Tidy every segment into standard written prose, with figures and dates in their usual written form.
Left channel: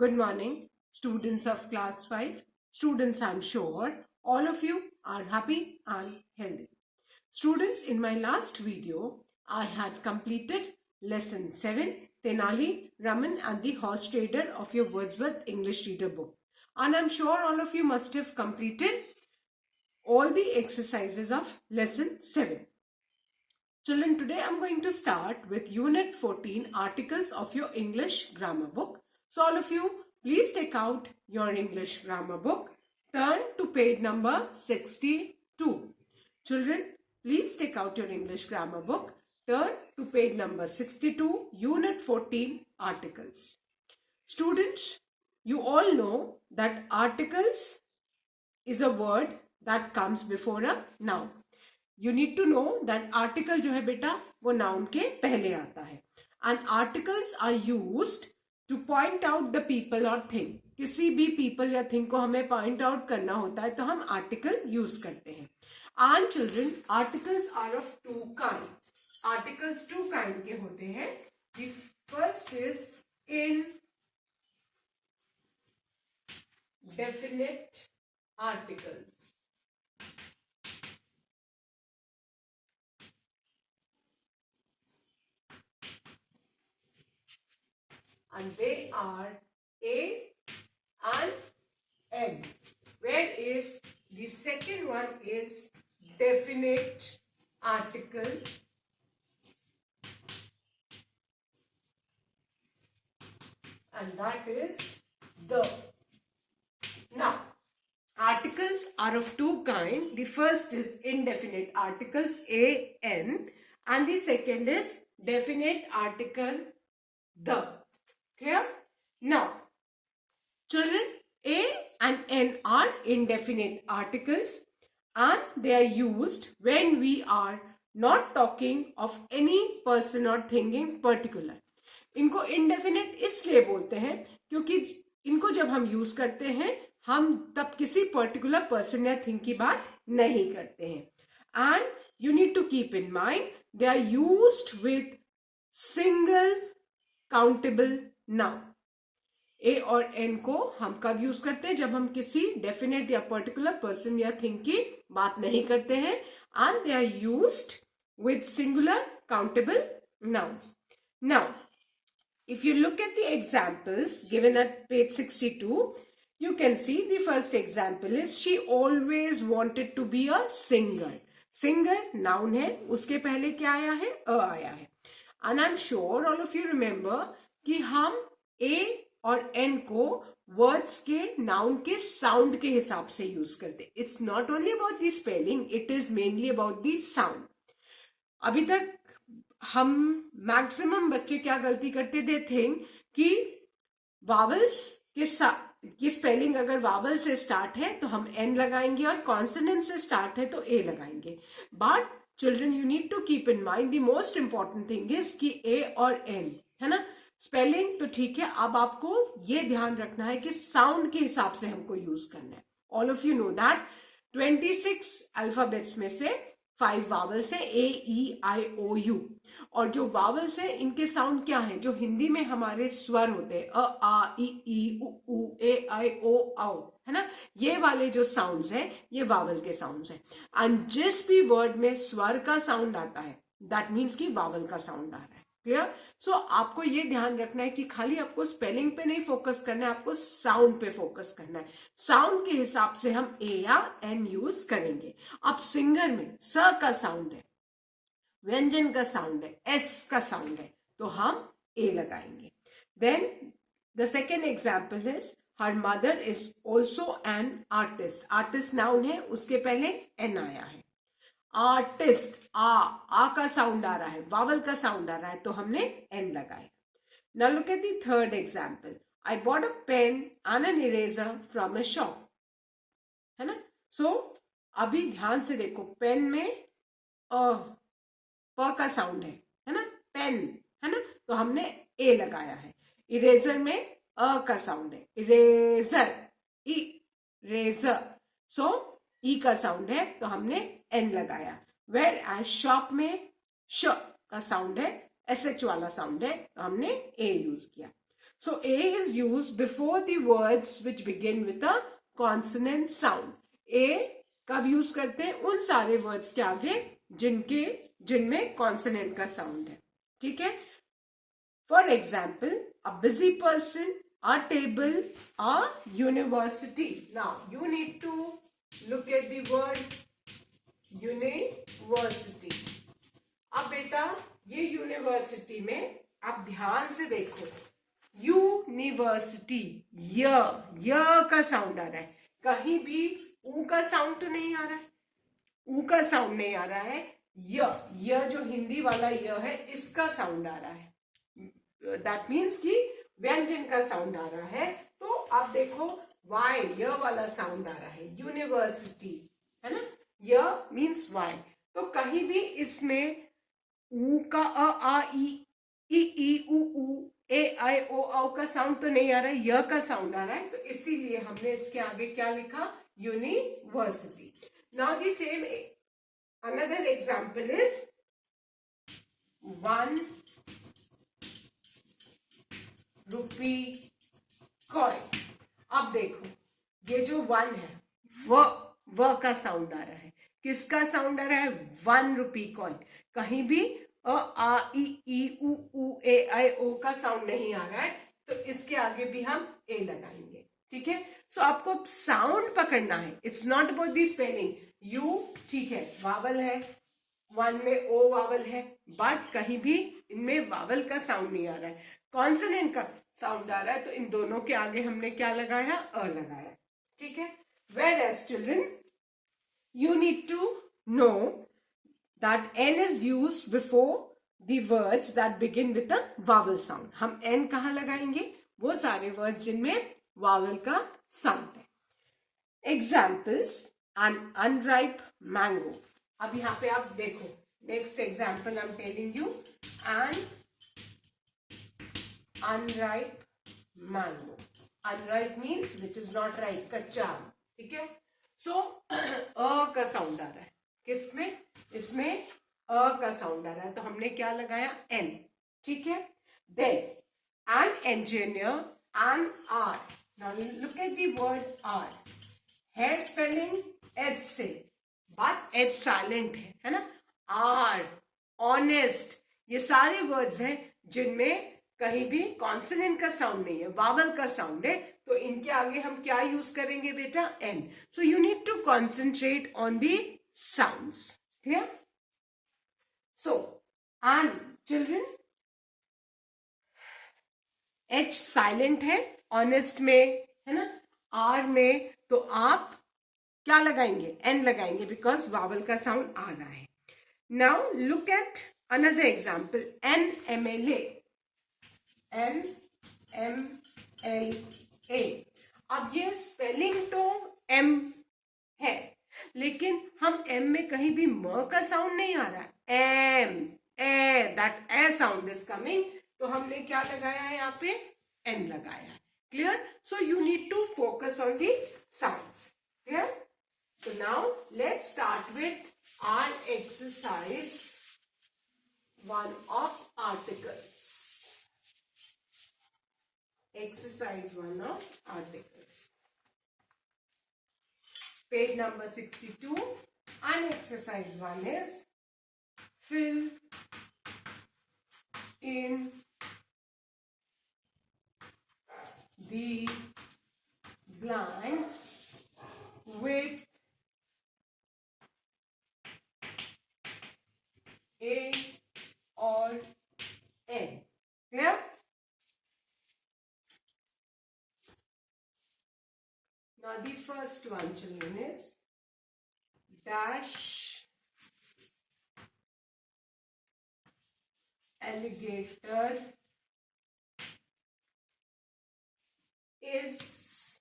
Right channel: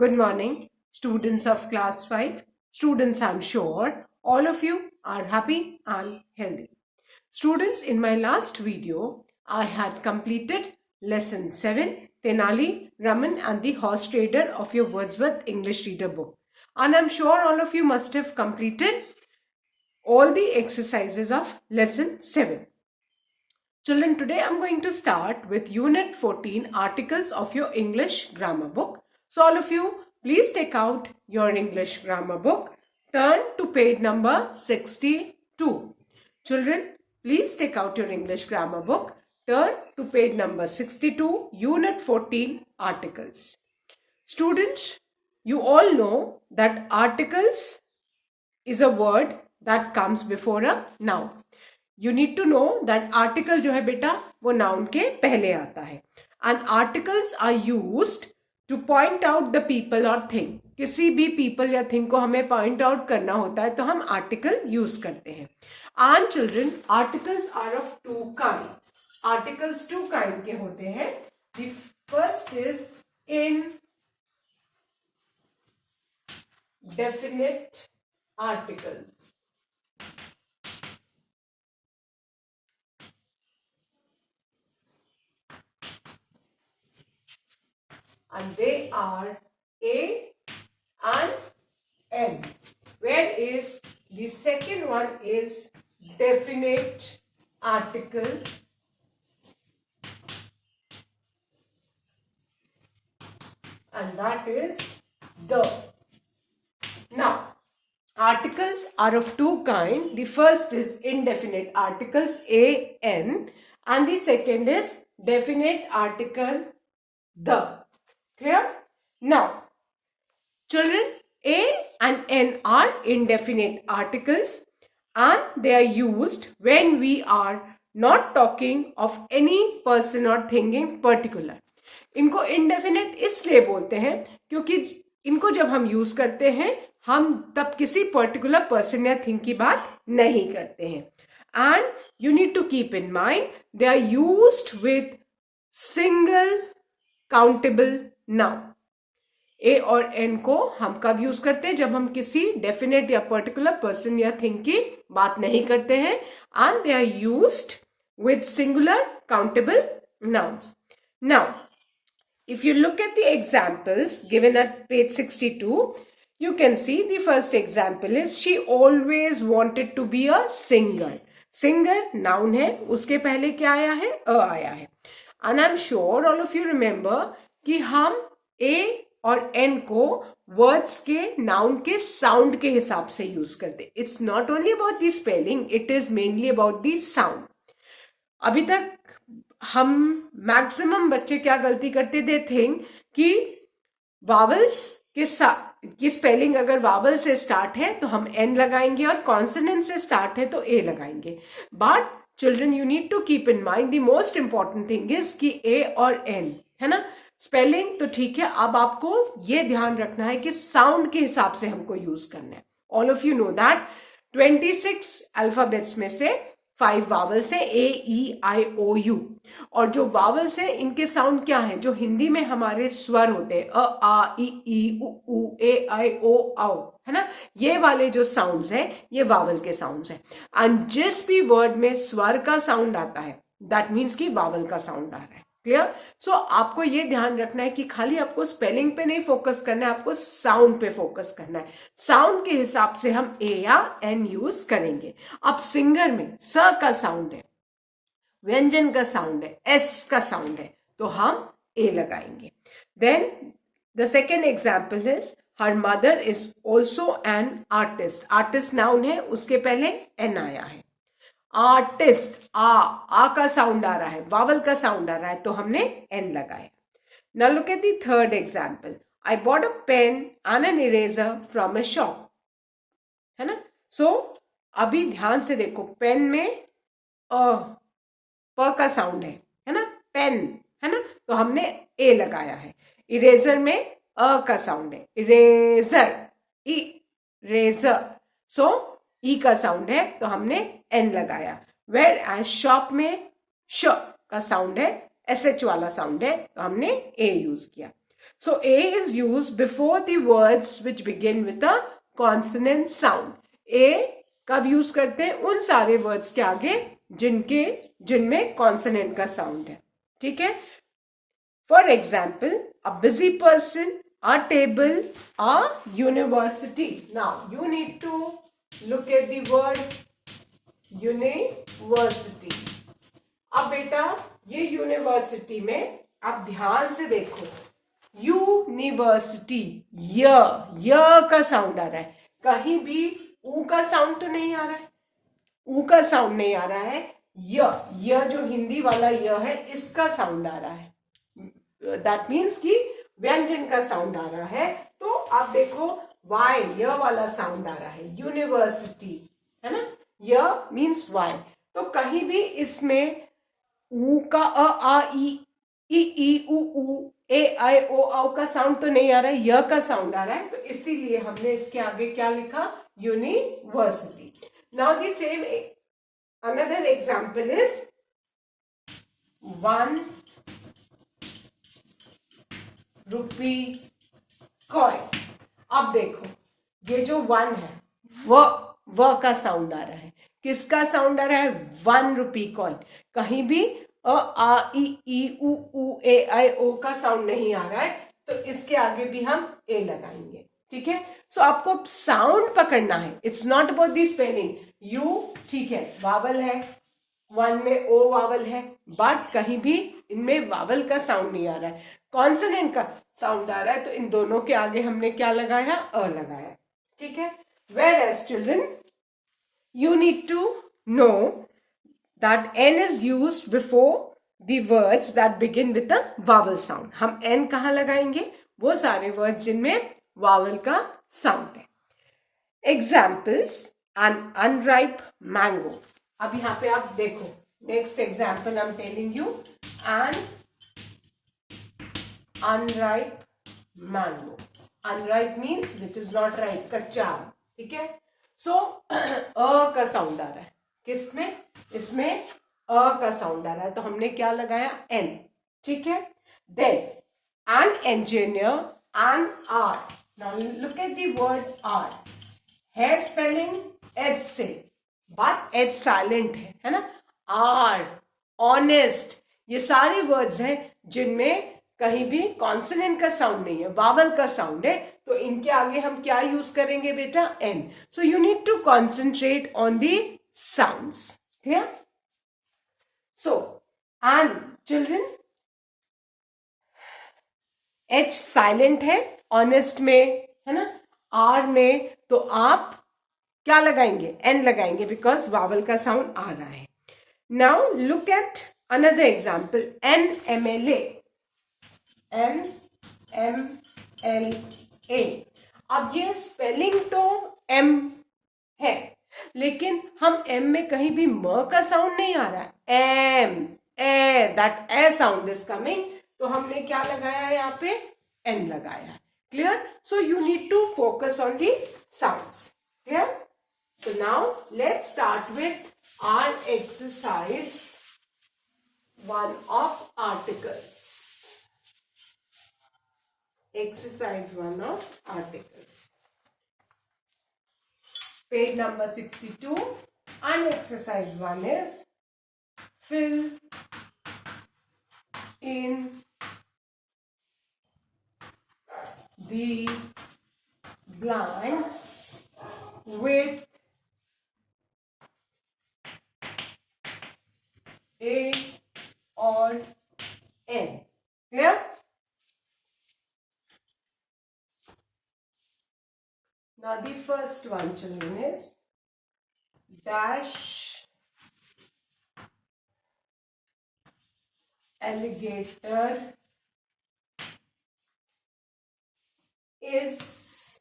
Good morning, students of class 5. Students, I'm sure all of you are happy and healthy. Students, in my last video, I had completed lesson 7, Tenali, Raman and the Horse Trader of your Wordsworth English Reader book. And I'm sure all of you must have completed all the exercises of lesson 7. Children, today I'm going to start with Unit 14, Articles of your English Grammar book. So all of you, please take out your English Grammar book. Turn to page number 62. Children, please take out your English Grammar book. Turn to page number 62, Unit 14, Articles. Students, you all know that articles is a word that comes before a noun. You need to know that article जो है बेटा वो noun के पहले आता है. And articles are used to point out the people or thing. किसी भी people या thing को हमें point out करना होता है तो हम article use करते हैं. And children, articles are of two kind. Articles two kind के होते हैं. The first is indefinite articles. And they are A and N. Whereas the second one is definite article. And that is the. Now, articles are of two kinds. The first is indefinite articles, A, N. And the second is definite article, the. Clear? Now, children, A and N are indefinite articles and they are used when we are not talking of any person or thing in particular. इनको indefinite इसलिए बोलते हैं क्योंकि इनको जब हम use करते हैं हम तब किसी पर्टिकुलर पर्सन या थिंग की बात नहीं करते हैं. And you need to keep in mind they are used with single countable noun. A और एन को हम कब यूज करते हैं? जब हम किसी डेफिनेट या पर्टिकुलर पर्सन या थिंग की बात नहीं करते हैं. And they are used with singular countable nouns. Now if you look at the examples given at page 62, you can see the first example is she always wanted to be a singer. Singer noun है, उसके पहले क्या आया है? अ आया है. And I'm sure all of you remember कि हम A और N को words के noun के sound के हिसाब से यूज करते. It's not only about the spelling, it is mainly about the sound. अभी तक हम मैक्सिमम बच्चे क्या गलती करते थे थिंक कि वावल्स के साथ की स्पेलिंग अगर वावल से स्टार्ट है तो हम एन लगाएंगे और कॉन्सोनेंट से स्टार्ट है तो ए लगाएंगे. But children, you need to keep in mind the most important thing is कि ए और एन है ना. स्पेलिंग तो ठीक है, अब आपको ये ध्यान रखना है कि साउंड के हिसाब से हमको यूज करना है. All of you know that 26 alphabets में से 5 वावल्स है, ए ई आई ओ यू. और जो वावल्स है इनके साउंड क्या है? जो हिंदी में हमारे स्वर होते हैं, अ आ ई उ ए आई ओ औ, है ना. ये वाले जो साउंड्स हैं ये वावल के साउंड्स हैं. एंड जिस भी वर्ड में स्वर का साउंड आता है दैट मीन्स कि वावल का साउंड आ रहा है. क्लियर? सो आपको ये ध्यान रखना है कि खाली आपको स्पेलिंग पे नहीं फोकस करना है, आपको साउंड पे फोकस करना है. साउंड के हिसाब से हम ए या एन यूज करेंगे. अब सिंगर में स का साउंड है, व्यंजन का साउंड है, एस का साउंड है, तो हम ए लगाएंगे. Then the second example is her mother is also an artist. Artist noun है, उसके पहले एन आया है. आर्टिस्ट, आ का साउंड आ रहा है, वावल का साउंड आ रहा है, तो हमने एन लगाया. Now look at the third example. I bought a pen and an eraser from a shop, है ना. सो अभी ध्यान से देखो, पेन में प का साउंड है ना, पेन है ना, तो हमने ए लगाया है. इरेजर में अ का साउंड है, इरेजर, इरेजर. सो ई का साउंड है तो हमने एन लगाया. वेर एज शॉप में श का साउंड है, एस एच वाला साउंड है, तो हमने ए यूज किया. So A is used before the words which begin with a consonant sound. A कब यूज करते हैं? उन सारे वर्ड्स के आगे जिनमें कॉन्सोनेंट का साउंड है. ठीक है. For example, a busy person, a table, a university. Now you need to look at the word university. अब बेटा ये यूनिवर्सिटी में आप ध्यान से देखो, यूनिवर्सिटी, य का साउंड आ रहा है. कहीं भी ऊ का साउंड तो नहीं आ रहा है. ऊ का साउंड नहीं आ रहा है. य जो हिंदी वाला य है, इसका साउंड आ रहा है. दैट मीन्स कि व्यंजन का साउंड आ रहा है. तो आप देखो वाई, य वाला साउंड आ रहा है. यूनिवर्सिटी है ना, य मीन्स वाई. तो कहीं भी इसमें ऊ का अ आ ई ऊ ए आई ओ औ का साउंड तो नहीं आ रहा है, य का साउंड आ रहा है. तो इसीलिए हमने इसके आगे क्या लिखा? University. Now the same another example is 1 rupee coin. अब देखो ये जो 1 है, व का साउंड आ रहा है. किसका साउंड आ रहा है? 1 रुपी कॉइन. कहीं भी अ आ ई ऊ ए आई ओ का साउंड नहीं आ रहा है. तो इसके आगे भी हम ए लगाएंगे. ठीक है. सो आपको साउंड पकड़ना है. It's not about the spelling. You ठीक है, वावल है, 1 में ओ वावल है, बट कहीं भी इनमें वावल का साउंड नहीं आ रहा है, कॉन्सोनेंट का साउंड आ रहा है. तो इन दोनों के आगे हमने क्या लगाया? अ लगाया. ठीक है. Whereas children, you need to know that n is used before the words that begin with a vowel sound. हम n कहाँ लगाएंगे? वो सारे words जिनमें vowel का sound है. Examples: an unripe mango. अब यहाँ पे आप देखो, next example I'm telling you, an unripe mango. Unripe means which is not ripe, कच्चा आम. ठीक है. सो अ का साउंड आ रहा है. किसमें? इसमें अ का साउंड आ रहा है. तो हमने क्या लगाया? एन. ठीक है. Then an engineer, an art. Now look at the word art. है स्पेलिंग एच से, बट एच साइलेंट है ना. आर्ट, ऑनेस्ट, ये सारे वर्ड्स हैं जिनमें कहीं भी कॉन्सोनेंट का साउंड नहीं है, वावल का साउंड है. तो इनके आगे हम क्या यूज करेंगे बेटा? An. So you need to concentrate on the sounds. Clear? So and children, H silent है, ऑनेस्ट में है ना, आर में तो आप क्या लगाएंगे? एन लगाएंगे, बिकॉज वावल का साउंड आ रहा है. Now look at another example. NMLA. NMLA. अब ये स्पेलिंग तो M है, लेकिन हम M में कहीं भी म का साउंड नहीं आ रहा है. M, a, that a sound is coming. तो हमने क्या लगाया है यहाँ पे? N लगाया. Clear? So you need to focus on the sounds. Clear? So now let's start with our exercise 1 of articles. Exercise 1 of articles. Page number 62. And exercise 1 is fill in the blanks with A or N. Clear? Now the first one, children, is dash alligator is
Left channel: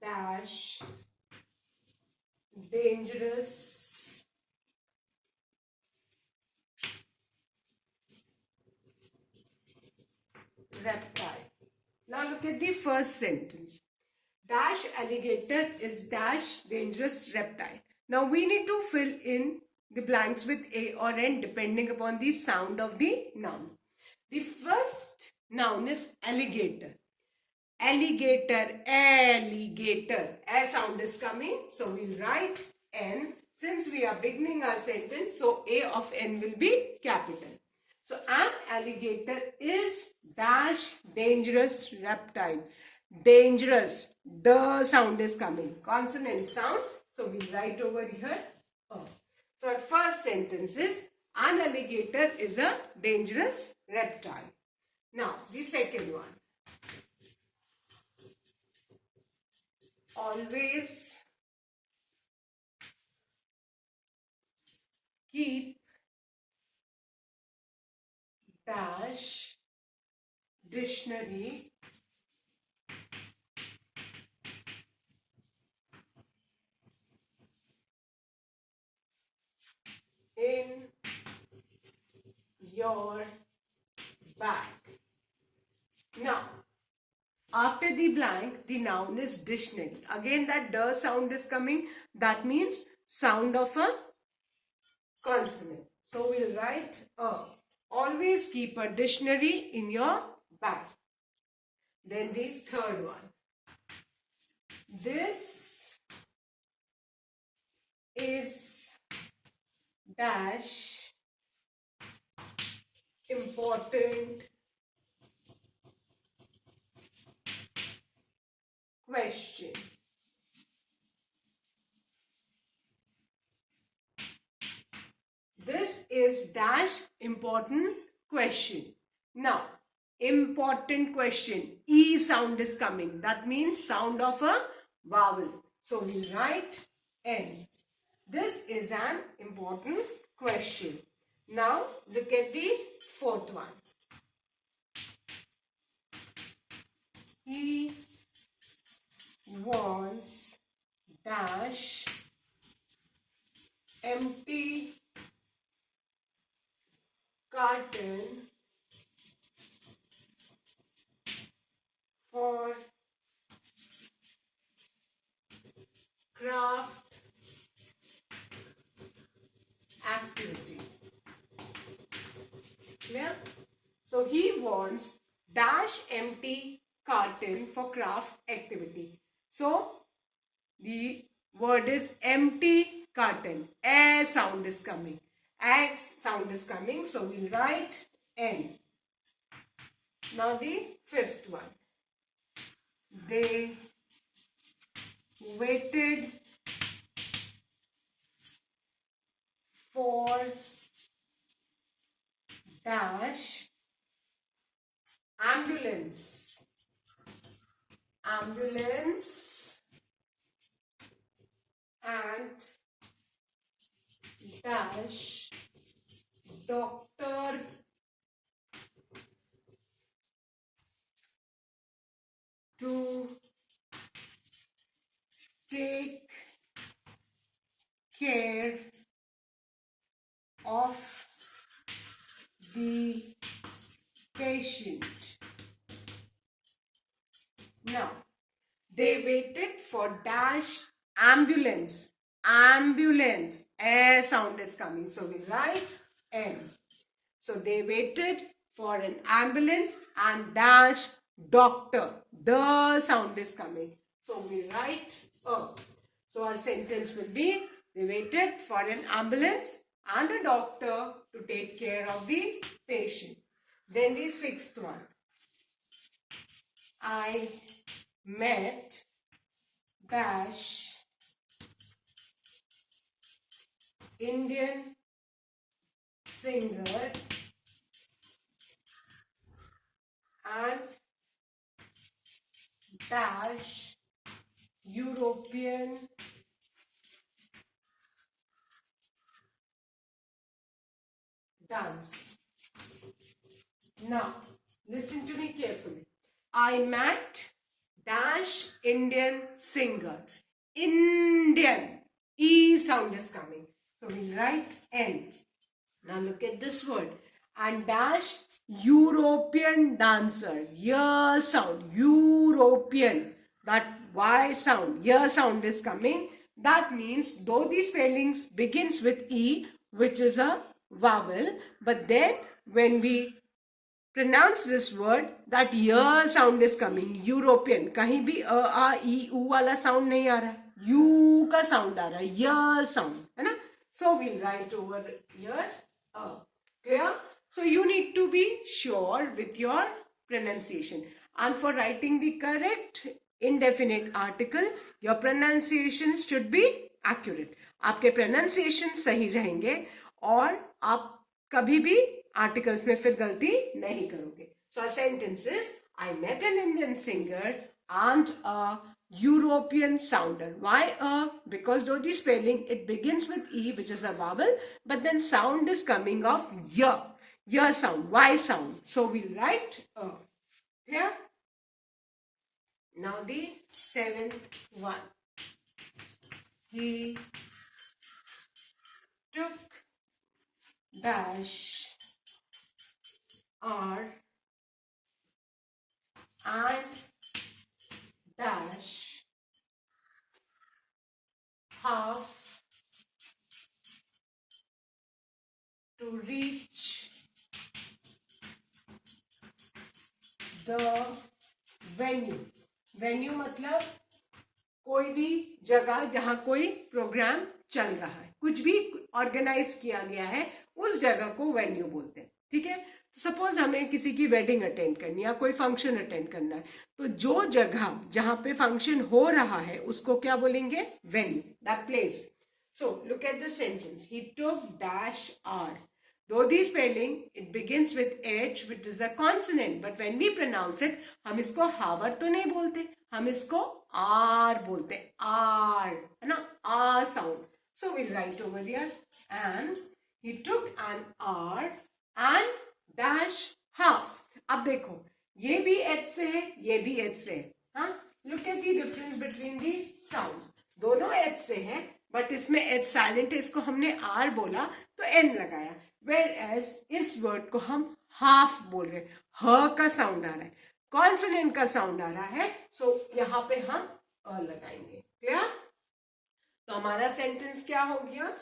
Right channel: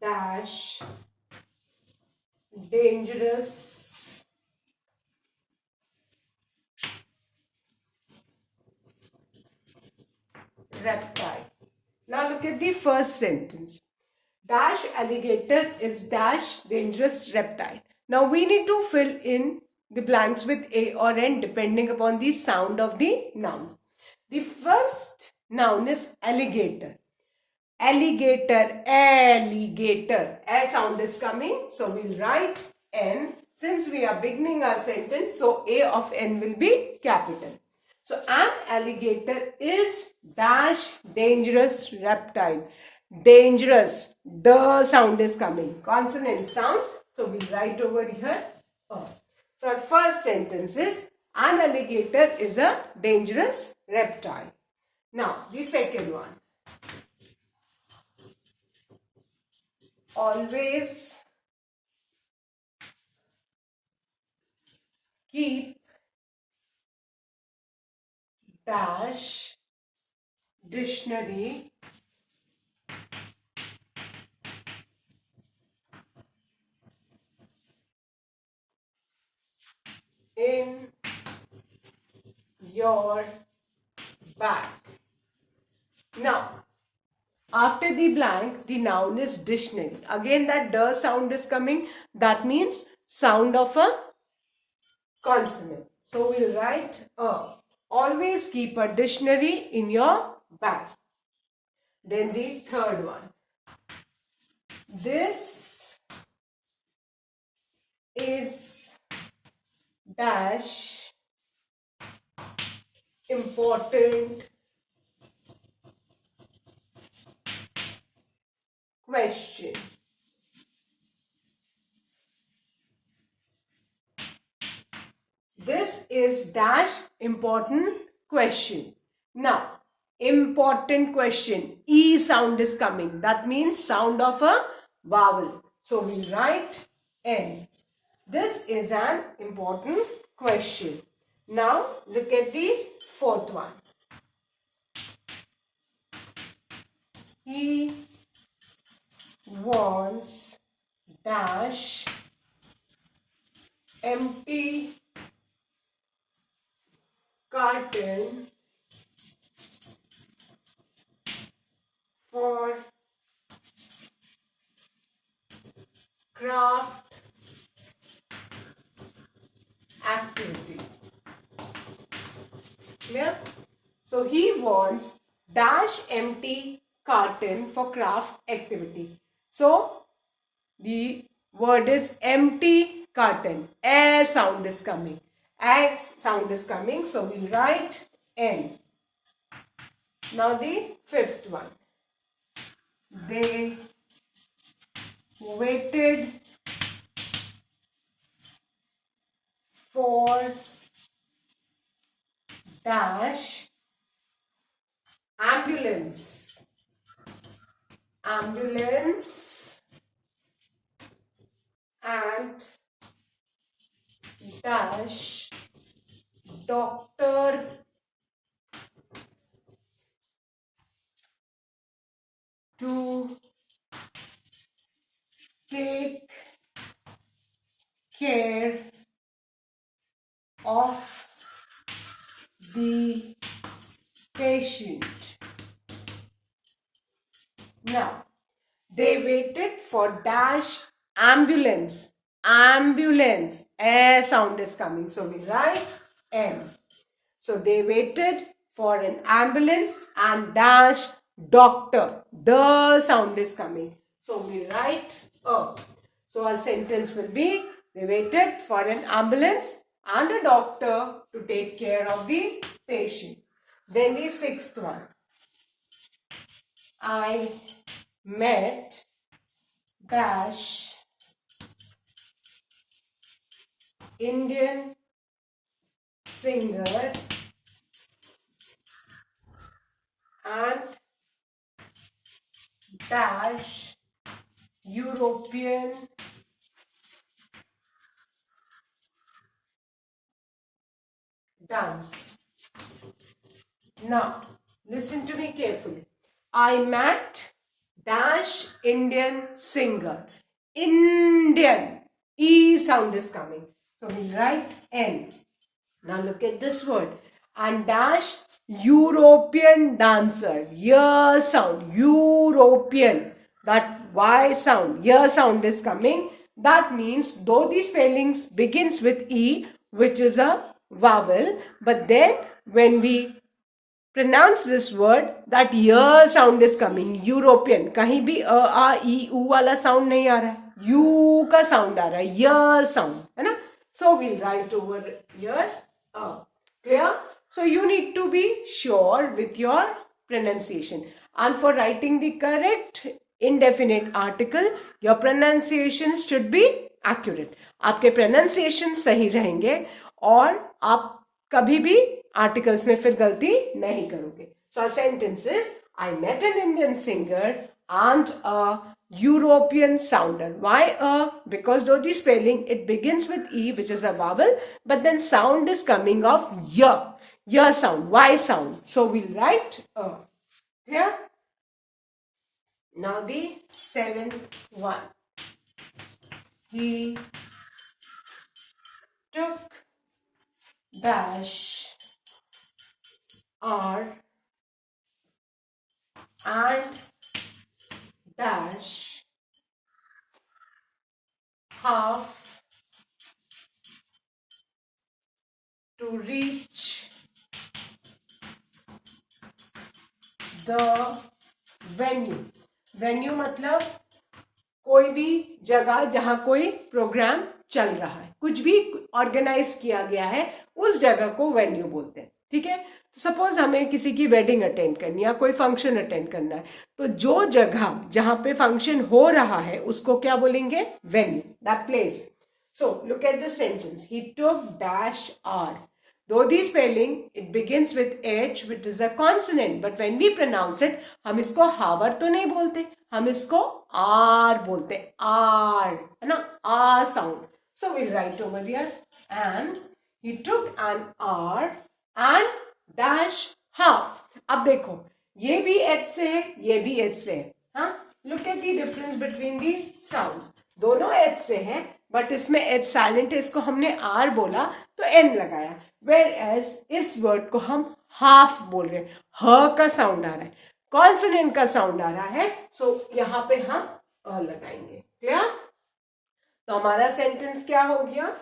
dash dangerous reptile. Now look at the first sentence. Dash alligator is dash dangerous reptile. Now we need to fill in the blanks with A or N depending upon the sound of the nouns. The first noun is alligator. Alligator, alligator. A sound is coming. So we'll write N. Since we are beginning our sentence, so A of N will be capital. So an alligator is dash dangerous reptile. Dangerous. The sound is coming. Consonant sound. So we'll write over here. So our first sentence is an alligator is a dangerous reptile. Now the second one. Always keep dash dictionary in your bag. Now, after the blank, the noun is dictionary. Again, that the sound is coming. That means sound of a consonant. So we'll write a. Always keep a dictionary in your bag. Then the third one. This is dash important question. This is dash important question. Now, important question. E sound is coming. That means sound of a vowel. So we write N. This is an important question. Now, look at the fourth one. He wants dash empty carton for craft activity. Clear? So he wants dash empty carton for craft activity. So the word is empty carton. A sound is coming. A sound is coming. So we'll write N. Now the fifth one. They waited for dash ambulance. Ambulance and dash doctor to take care of the patient. Now, they waited for dash ambulance. Ambulance. A sound is coming. So we write M. So they waited for an ambulance and dash doctor. The sound is coming. So we write A. So our sentence will be, they waited for an ambulance and a doctor to take care of the patient. Then the sixth one. I met dash Indian singer and dash European dance. Now, listen to me carefully. I met dash Indian singer. Indian. E sound is coming. So we write N. Now look at this word. And dash European dancer. Y sound. European. That Y sound. Y sound is coming. That means though the spellings begins with E, which is a vowel, but then when we pronounce this word, that y sound is coming. European, कहीं भी अ आ ई ऊ वाला sound नहीं आ रहा है, you का sound आ रहा है, य sound है ना. So we'll write over here clear. So you need to be sure with your pronunciation, and for writing the correct indefinite article your pronunciation should be accurate. आपके pronunciation सही रहेंगे और आप कभी भी articles में फिर गलती नहीं करोगे. So a sentence is, I met an Indian singer and a European sounder. Why a? Because though the spelling it begins with E, which is a vowel, but then sound is coming of y sound, y sound. So we'll write a. Here. Now the seventh one. He took dash R and dash half to reach the venue. Venue मतलब कोई भी जगह जहां कोई programme चल रहा है, कुछ भी ऑर्गेनाइज किया गया है, उस जगह को वेन्यू बोलते हैं. ठीक है. तो सपोज हमें किसी की वेडिंग अटेंड करनी है, कोई फंक्शन अटेंड करना है, तो जो जगह जहां पे फंक्शन हो रहा है उसको क्या बोलेंगे? Venue, that place. So look at the sentence. He took dash hour. Though the spelling it begins with H, which is a consonant, but when we pronounce it, हम इसको हावर तो नहीं बोलते, हम इसको आर बोलते हैं. आर है ना, आ sound. So we'll write over here, and he took an R and dash half. अब देखो ये भी H से है, ये भी H से है. हाँ, look at the difference between the sounds. दोनों H से है, बट इसमें H साइलेंट है, इसको हमने R बोला तो N लगाया. Whereas इस वर्ड को हम हाफ बोल रहे हैं, ह का साउंड आ रहा है, कॉन्सोनेंट का साउंड आ रहा है. सो यहां पे हम अ लगाएंगे. क्लियर? तो हमारा सेंटेंस क्या हो गया?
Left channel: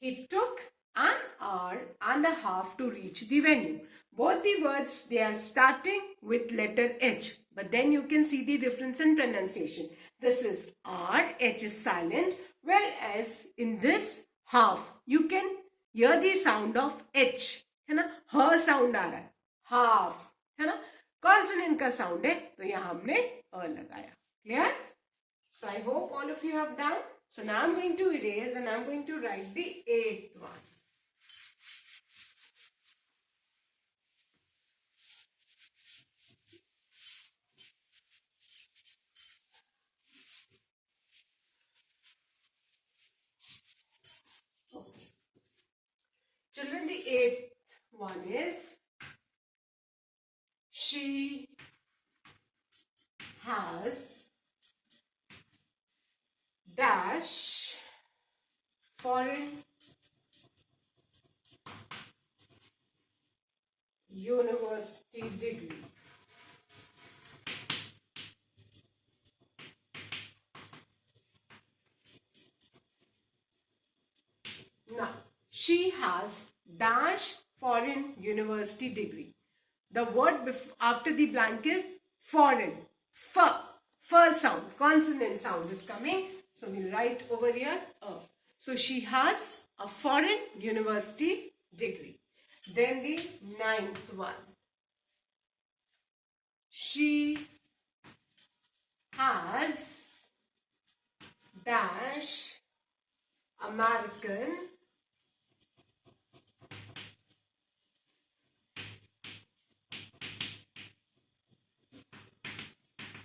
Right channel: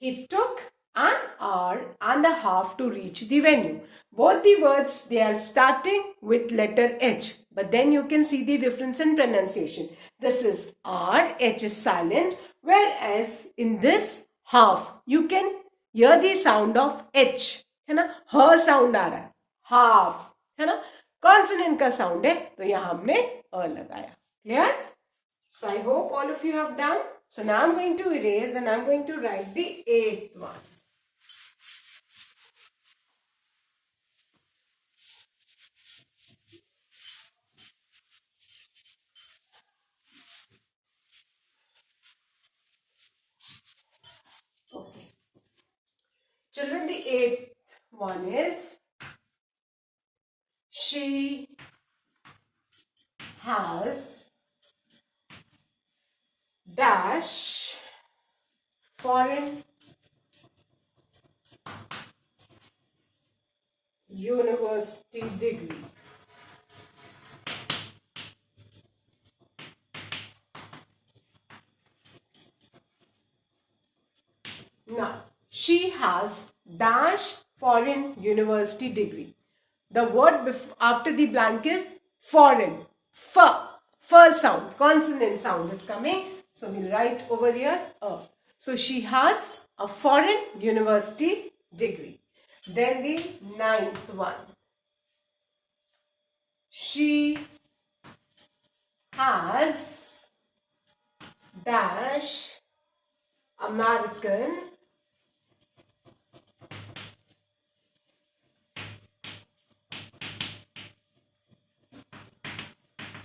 He took an hour and a half to reach the venue. Both the words, they are starting with letter H, but then you can see the difference in pronunciation. This is R, H is silent, whereas in this half, you can hear the sound of H. है ना, ह sound आ रहा है, half है ना, consonant का sound है, तो यहाँ हमने अ लगाया. Clear? So I hope all of you have done. So now I'm going to erase and I'm going to write the eighth one. Okay. Children, the eighth one is, she has dash foreign university degree. Now, she has dash foreign university degree. The word after the blank is foreign. F sound, consonant sound is coming. So we'll write over here a. So she has a foreign university degree. Then the ninth one. She has dash American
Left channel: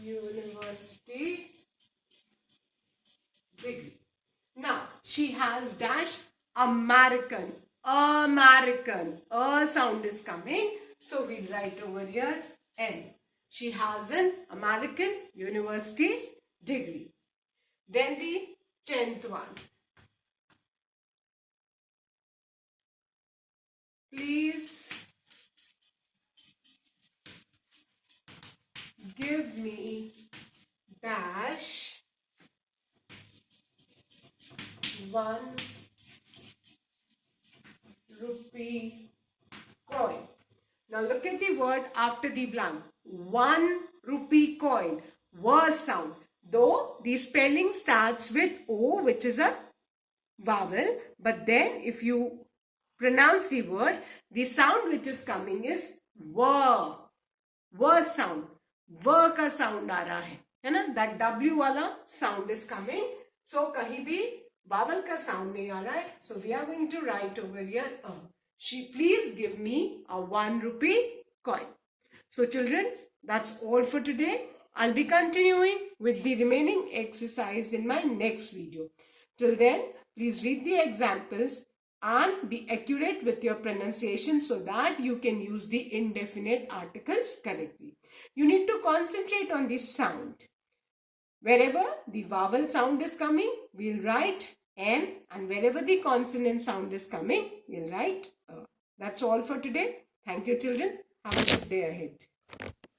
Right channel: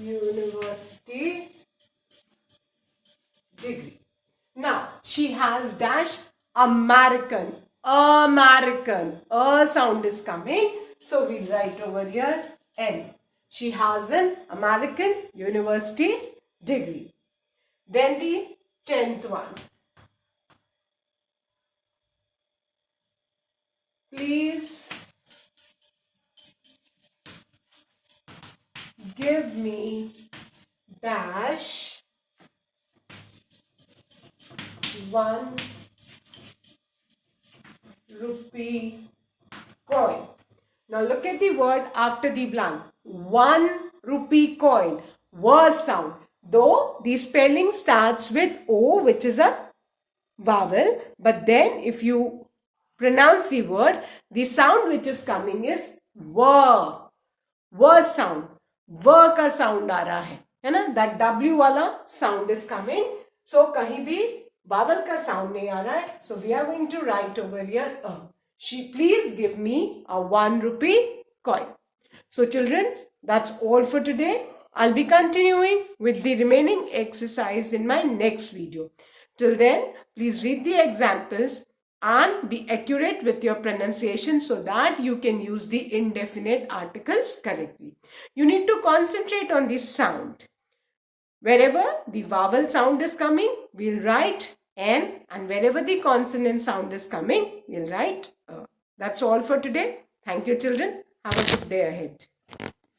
university degree. Now, she has dash American. A sound is coming. So we write over here N. She has an American university degree. Then the 10th one. Please give me dash 1 rupee coin. Now look at the word after the blank. 1 rupee coin. W sound. Though the spelling starts with O, which is a vowel, but then if you pronounce the word, the sound which is coming is W. W sound. W का sound आ रहा है ना? That W वाला sound is coming. So कहीं भी vowel का sound नहीं आ रहा है. So we are going to write over here. Please give me a 1 rupee coin. So children, that's all for today. I'll be continuing with the remaining exercise in my next video. Till then, please read the examples and be accurate with your pronunciation so that you can use the indefinite articles correctly. You need to concentrate on the sound. Wherever the vowel sound is coming, we'll write N, and wherever the consonant sound is coming, we'll write A. That's all for today. Thank you, children. Have a good day ahead.